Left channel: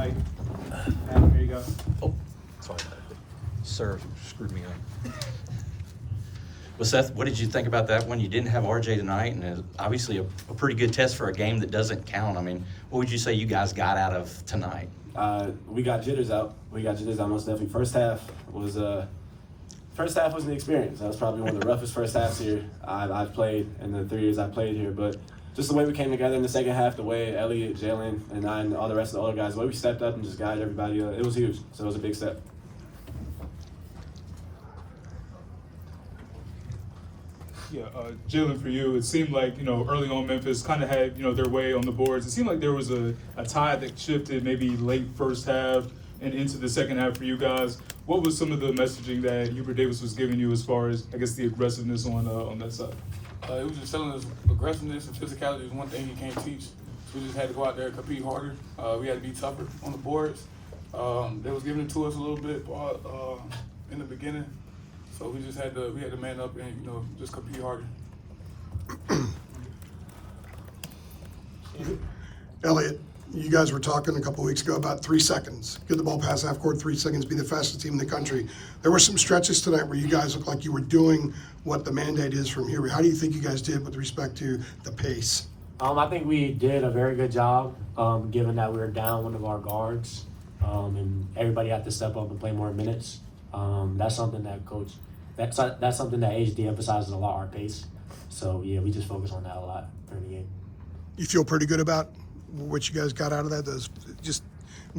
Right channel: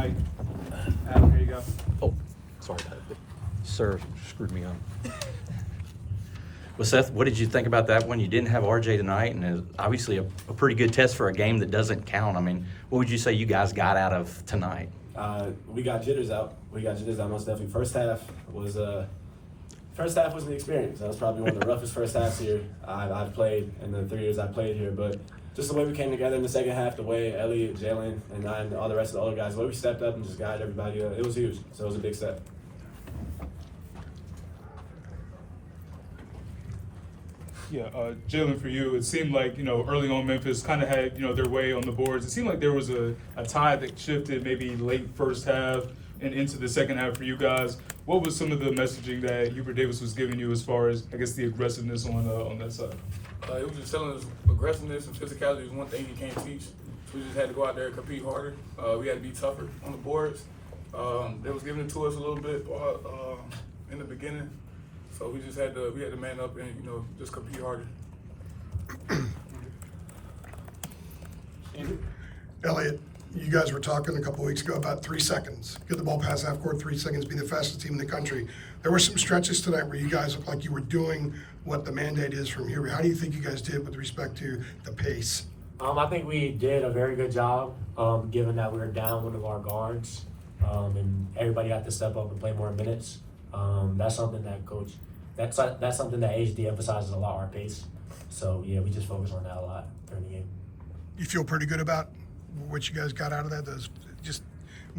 mic. Here you go. Oh, sorry about that. Sir screwed me on. Well, Seth, what did you think about that when you didn't have RJ tonight? And it was obviously a pretty good test for a game that doesn't count. I mean, what would you say you guys got out of tonight? We got jitters out. Most definitely. First half was an experience. That was probably one of the roughest first halves here I've played in the 3 years I've played here. But just the way we came together in the second half, the way Elliot, Jalen, and I and all the rest of the other guys, the way we stepped up and just guided everybody, it was huge. So it was a big step. Yeah, Jalen, for you, it seemed like, early on Memphis kind of had, their way on the boards. It seemed like there was a tide that shifted maybe late first half and into the second half for you guys. What was some of the messaging that Hubert Davis was giving you as far as, I guess, the aggressiveness on that side? It was just telling us aggressiveness and physicality is one thing he can't teach. So we just had to go out there and compete harder. We had to be tougher on the boards. They was giving it to us a little bit in the beginning. So we had to man up and, just compete harder. Elliot, you guys were talking a couple weeks ago about 3 seconds. Get the ball past half court, 3 seconds, be the fastest team in the country. There were some stretches tonight where you guys looked like you were doing what the mandate is from here. How do you think you guys did with respect to the pace? I think we did a very good job, given that we were down one of our guards, and everybody had to step up and play more minutes. That's something that that's something that HD emphasizes a lot, our pace. So yeah, we just focus on that a lot during the game. You feel pretty good about what you guys got out of that? Those just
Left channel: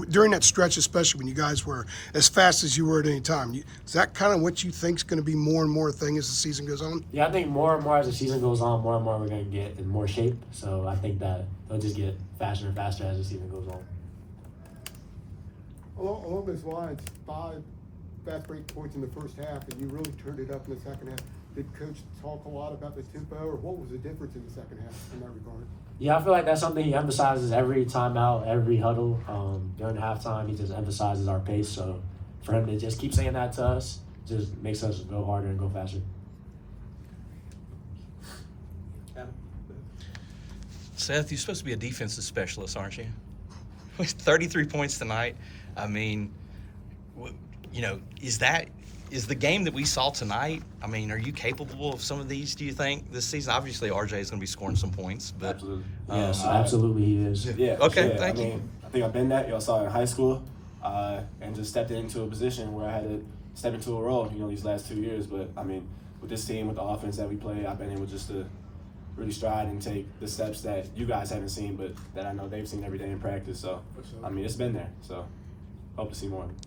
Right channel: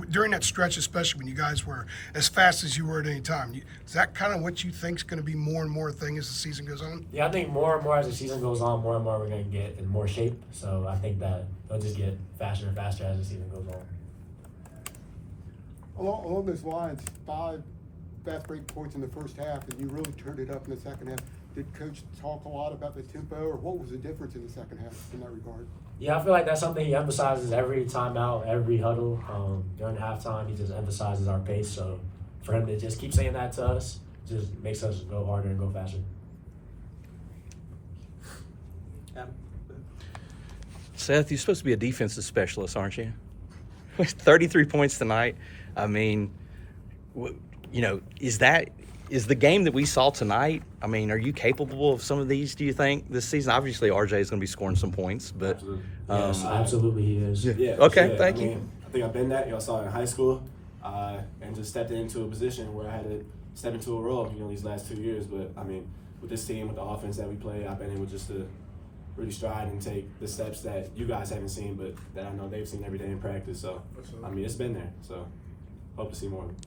during that stretch, especially when you guys were as fast as you were at any time. Is that kind of what you think is going to be more and more a thing as the season goes on? Yeah, I think more and more as the season goes on, more and more we're going to get in more shape. So I think that they'll just get faster and faster as the season goes on. Along those lines, 5 fast break points in the first half, and you really turned it up in the second half. Did Coach talk a lot about the tempo, or what was the difference in the second half in that regard? Yeah, I feel like that's something he emphasizes every timeout, every huddle. During halftime, he just emphasizes our pace. So for him to just keep saying that to us just makes us go harder and go faster. Seth, you're supposed to be a defensive specialist, aren't you? 33 points tonight. I mean, is the game that we saw tonight, I mean, are you capable of some of these, do you think, this season? Obviously, RJ is going to be scoring some points. But Absolutely. Yes, absolutely he is. Yeah. Okay, yeah. thank you. I think I've been that. Y'all saw it in high school, and just stepped into a position where I had to step into a role, these last 2 years. But, I mean, with this team, with the offense that we play, I've been able just to really stride and take the steps that you guys haven't seen, but that I know they've seen every day in practice. So, I mean, it's been there. So, hope to see more of it.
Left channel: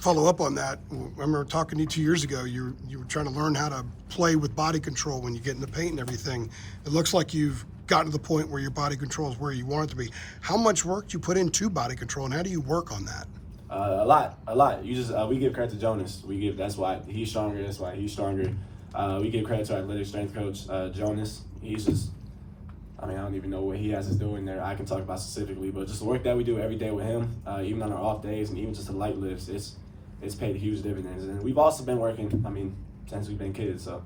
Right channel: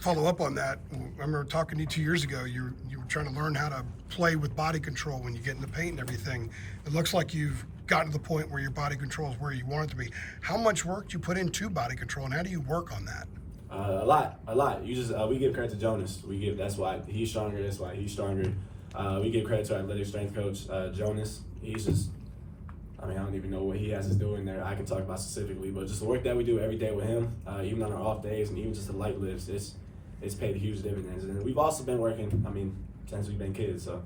Follow up on that. I remember talking to you 2 years ago. You were trying to learn how to play with body control when you get in the paint and everything. It looks like you've gotten to the point where your body control is where you want it to be. How much work do you put into body control, and how do you work on that? A lot. You just we give credit to Jonas. That's why he's stronger. That's why he's stronger. We give credit to our athletic strength coach, Jonas. He's just, I don't even know what he has us doing there. I can talk about specifically, but just the work that we do every day with him, even on our off days and even just the light lifts, it's paid huge dividends. And we've also been working, since we've been kids, so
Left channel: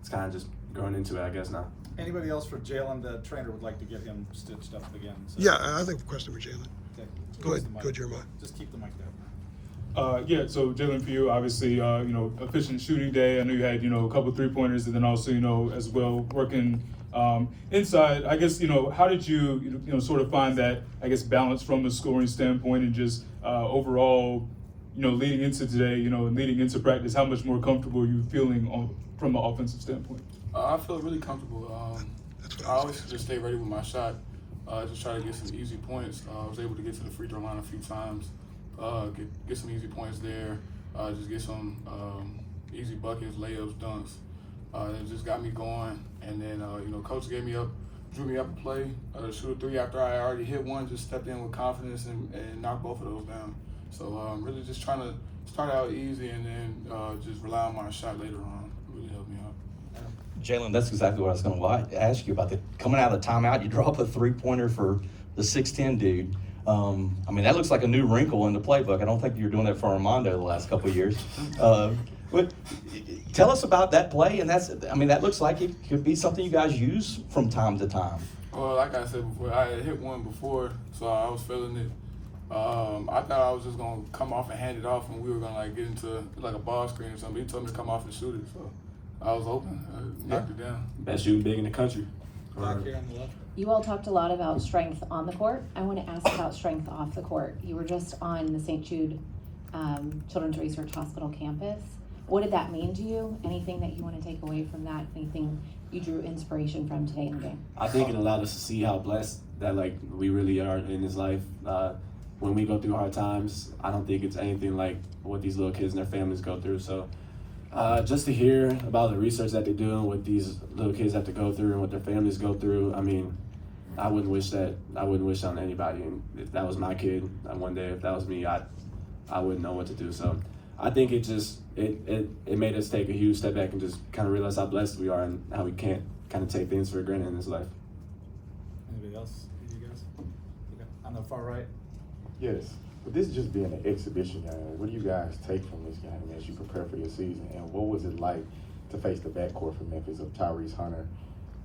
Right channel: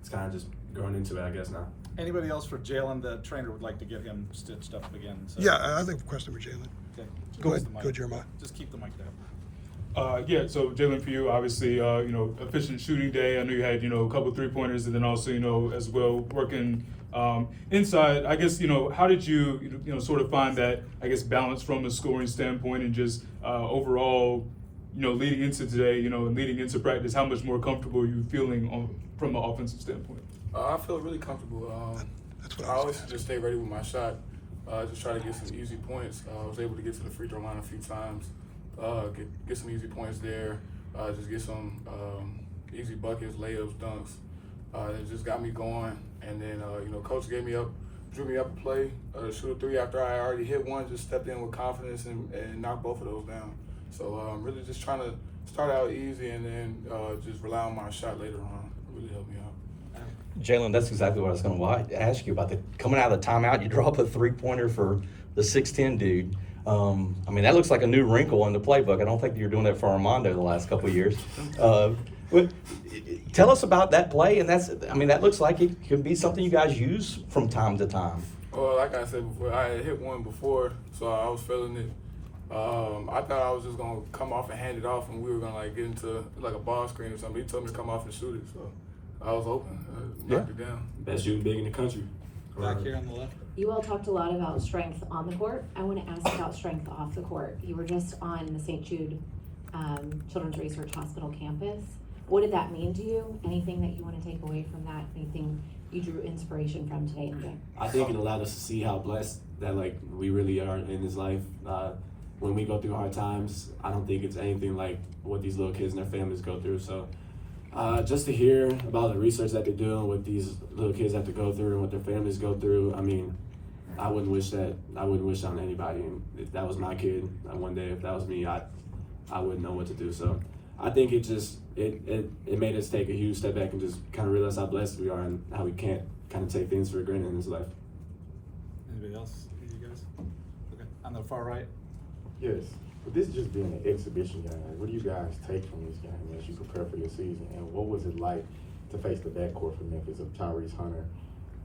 it's kind of just growing into it, I guess, now. Anybody else for Jalen? The trainer would like to get him stitched up again. So. Yeah, I think a question for Jalen. Okay. Go ahead, Jeremiah. Just keep the mic there. So Jalen, for you, obviously, efficient shooting day. I know you had, a couple 3-pointers, and then also, as well, working inside. I guess, how did you, sort of find that, I guess, balance from a scoring standpoint and just overall, leading into today, and leading into practice, how much more comfortable are you feeling from an offensive standpoint? I feel really comfortable. I always just stay ready with my shot. Just try to get some easy points. I was able to get to the free throw line a few times. Get some easy points there. Just get some easy buckets, layups, dunks. It just got me going. And then, coach drew me up a play to shoot a 3 after I already hit one. Just stepped in with confidence and knocked both of those down. So really just trying to start out easy and then just rely on my shot later on. It really helped me out. Jalen, that's exactly what I was going to ask you about. Coming out of the timeout, you draw up a 3-pointer for the 6'10" dude. That looks like a new wrinkle in the playbook. I don't think you're doing that for Armando the last couple of years. Tell us about that play, and that looks like it could be something you guys use from time to time. Well, like I said before, I had hit one before, so I was feeling it. I thought I was just gonna come off and hand it off, and we were gonna like get into like a ball screen or something. He told me to come off and shoot it, so I was open. I knocked it down. Best shooting big in the country. Back here on the left. You all talked a lot about strength on the court. I want to ask about strength off the court. You were just on the St. Jude Children's Research Hospital campus. What did that mean to you? Anything that you want to take away from that? Anything you drew inspiration from today in the game? I think it allowed us to see how blessed that like we really are in this life. When we go through hard times, I don't think it's anything like what these little kids and their families go through. So just to hear about the research that they're doing, what these little kids have to go through and what their families go through, I mean, I wouldn't wish on anybody. And if that was my kid, one day if that was me, I wouldn't know what to do. So I think it made us take a huge step back and just kind of realize how blessed we are and how we can't kind of take things for granted in this life. Anybody else? You guys? Okay. On the far right. Yes, but this just being an exhibition game, what do you guys take from this game as you prepare for your season? And what was it like to face the backcourt for Memphis of Tyrese Hunter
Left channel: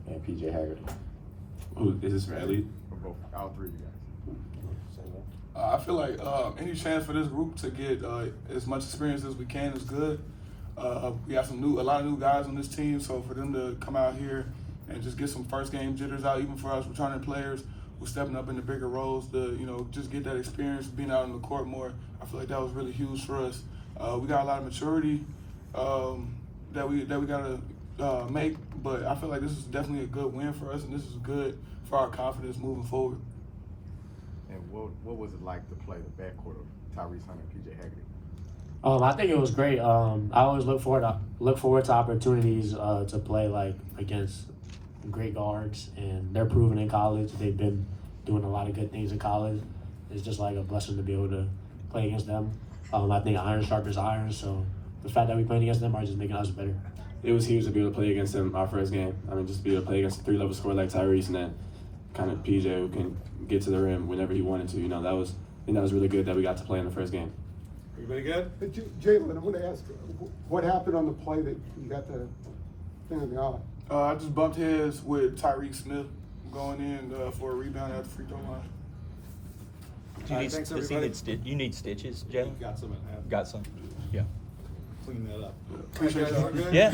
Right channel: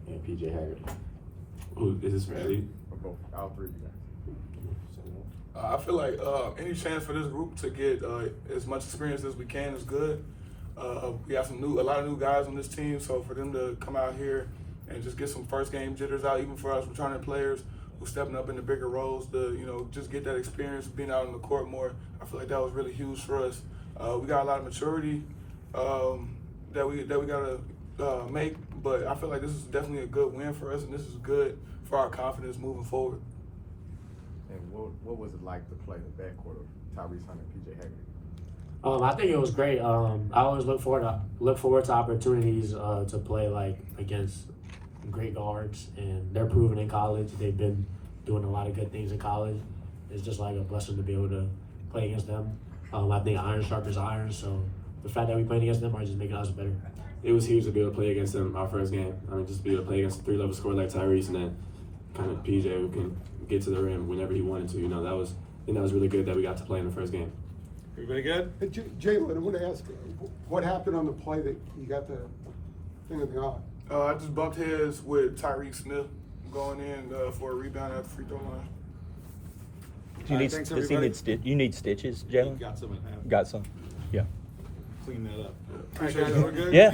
and PJ Haggerty? Who is this for Elliot? All three of you guys. I feel like any chance for this group to get as much experience as we can is good. We have a lot of new guys on this team, so for them to come out here and just get some first game jitters out, even for us returning players who stepping up into bigger roles, to just get that experience being out on the court more. I feel like that was really huge for us. We got a lot of maturity that we gotta make, but I feel like this is definitely a good win for us, and this is good for our confidence moving forward. And what was it like to play the backcourt of Tyrese Hunter and PJ Haggerty? I think it was great. I always look forward to opportunities to play like against great guards, and they're proven in college. They've been doing a lot of good things in college. It's just like a blessing to be able to play against them. I think iron sharpens iron, so the fact that we played against them are just making us better. It was huge to be able to play against them our first game. I mean, just to be able to play against a three-level scorer like Tyrese, and then kind of PJ who can get to the rim whenever he wanted to. That was really good that we got to play in the first game. Everybody good? Hey, Jalen, I want to ask, what happened on the play that you got the thing in the eye? I just bumped heads with Tyreek Smith going in for a rebound at the free throw line. Do you need, thanks, does he everybody. need, you need stitches, Jalen? Got some. Got some? Yeah. Clean that up. Appreciate y'all. Yeah.